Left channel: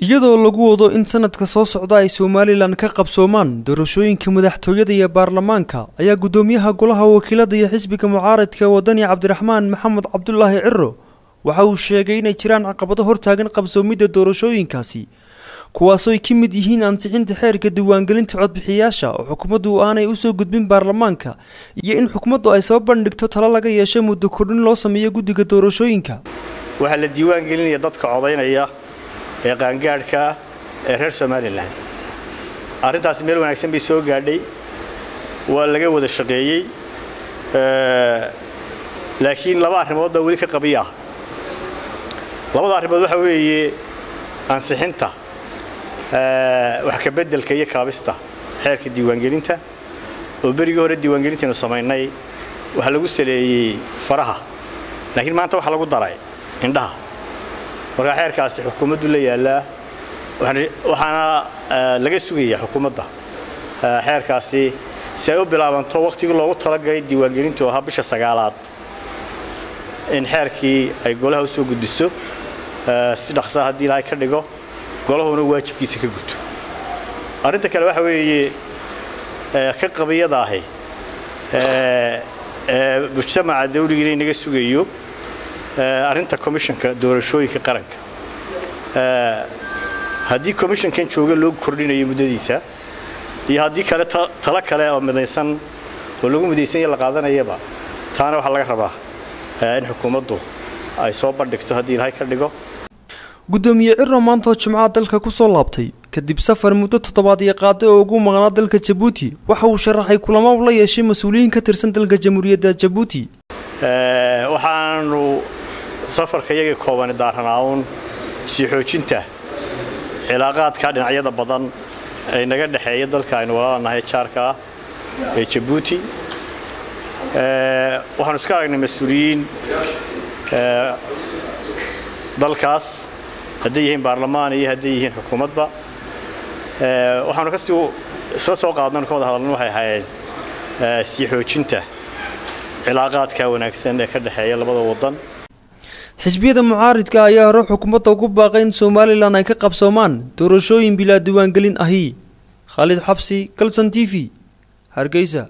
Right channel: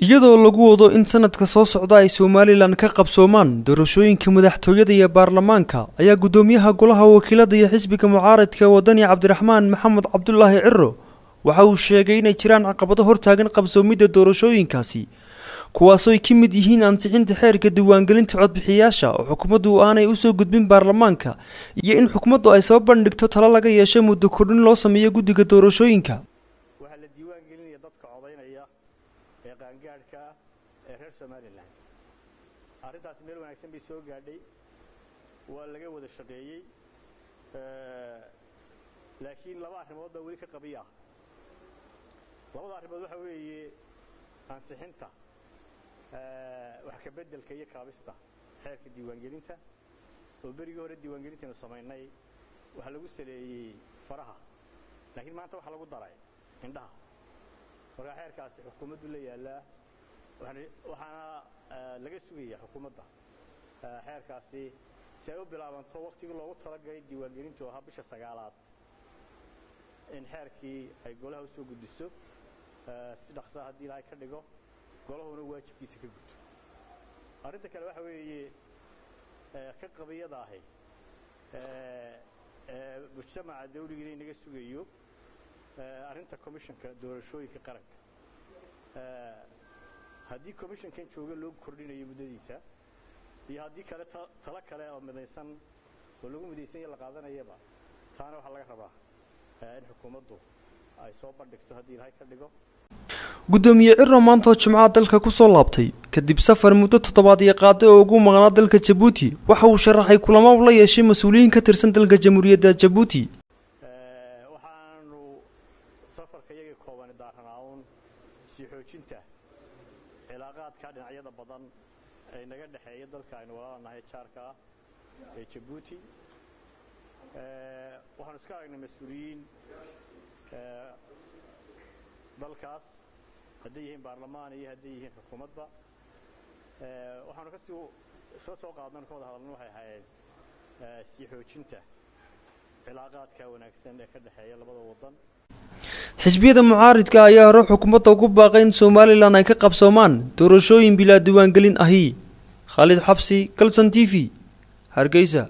iyadoo lagu wado in sanadka soo socda ay Somaliland ka qabsoomaan doorashooyinka madaxtooyada iyo baarlamaanka ayaa gudoomiyaha golaha wakiilada iyo xisbiga mucaaradka wadani Cabdiraxmaan Maxamed Cabdullaahi Ciro waxa uu sheegay in ay jiraan caqabado hortaagan qabsoomida doorashooyinkaasi kuwaas oo ay ka mid yihiin ansixinta xeerka diiwaangelinta codbixiyaasha oo xukuumaddu aanay u soo gudbin baarlamaanka iyo in xukuumaddu ay soo bandhigto talo laga yeeshay muddo kordhin loo sameeyo guddiga doorashooyinka waxa la diiwaangelinaya dadka codaynaya ee qaangaadhka ee reer Somaliland arintaas meel wanaagsan bay soo gaadhay waa laga wada shaqeeyay laakiin laba arrimood wali ka qabiya labada arrimood waxa weeye ansixinta wax ka bedelka iyo kaabista xeerka diiwaangelinta oo berigi hore diiwaangelinta inuu sameeynay waxa lagu saleeyay faraha laakiin maanta waxa lagu daray indhaha marka xeerkaasi xukuumaddu la yaala waxaana laga sugayaa xukuumadda xeerkaasi si ay u bilaabanto waqtigii loogu talagalay diiwaangelintu oo bisha 9aad in xeerkii ay golaha u soo gudbiso si dhaqso ah hadii la ka dhigo golahuna waajibkiisa ka guto arinta kale waxa weeye ka qabiyada ahi mujtamaca dawliga inaga sugayo arinta commissionka doorashooyinka qaranka hadii commissionkan jooga loo kordhinayo muddadiisa iyo hadii kale tala kale oo midaysan oo lagu midaysan la qaadanayaba taana waxa laga rabaa in xukuumaddu ay soo bandhigto hadii ilaahay ka dhigo gudoomiye Ciro maanta Jimcaha dalka ku soo laabtay kadib safar muddo 7 qaaday oo ugu maqnaa dalka Djibouti waxa uu sharaxay kulamo la yeeshay mas'uuliyiin ka tirsan dalka Jamhuuriyadda Djibouti waxaanu safarka iyaga kooban daaranaawun si xoojinta cilaaqaadka dhinacyada badan ee naga dhaxeeya dalka aynu walaalahay jaarka ee Djibouti waxaanu iska aragnay mas'uuliyiin dalkaas hadii yihiin baarlamaan iyo hadii yihiin xukuumadba waxaanu ka soo qaadnaan ka wada hadalno waxay ahaayeen si xoojinta cilaaqaadka wanaagsan ee ka dhaxeeya labada wadan xisbiyada mucaaradka ayaa hore xukuumadda ugu baaqay in Somaliland ay ka qabsoomaan doorashooyin bilaa diiwaangelin ahi Khalid Xabsi Kalsan TV Hargeysa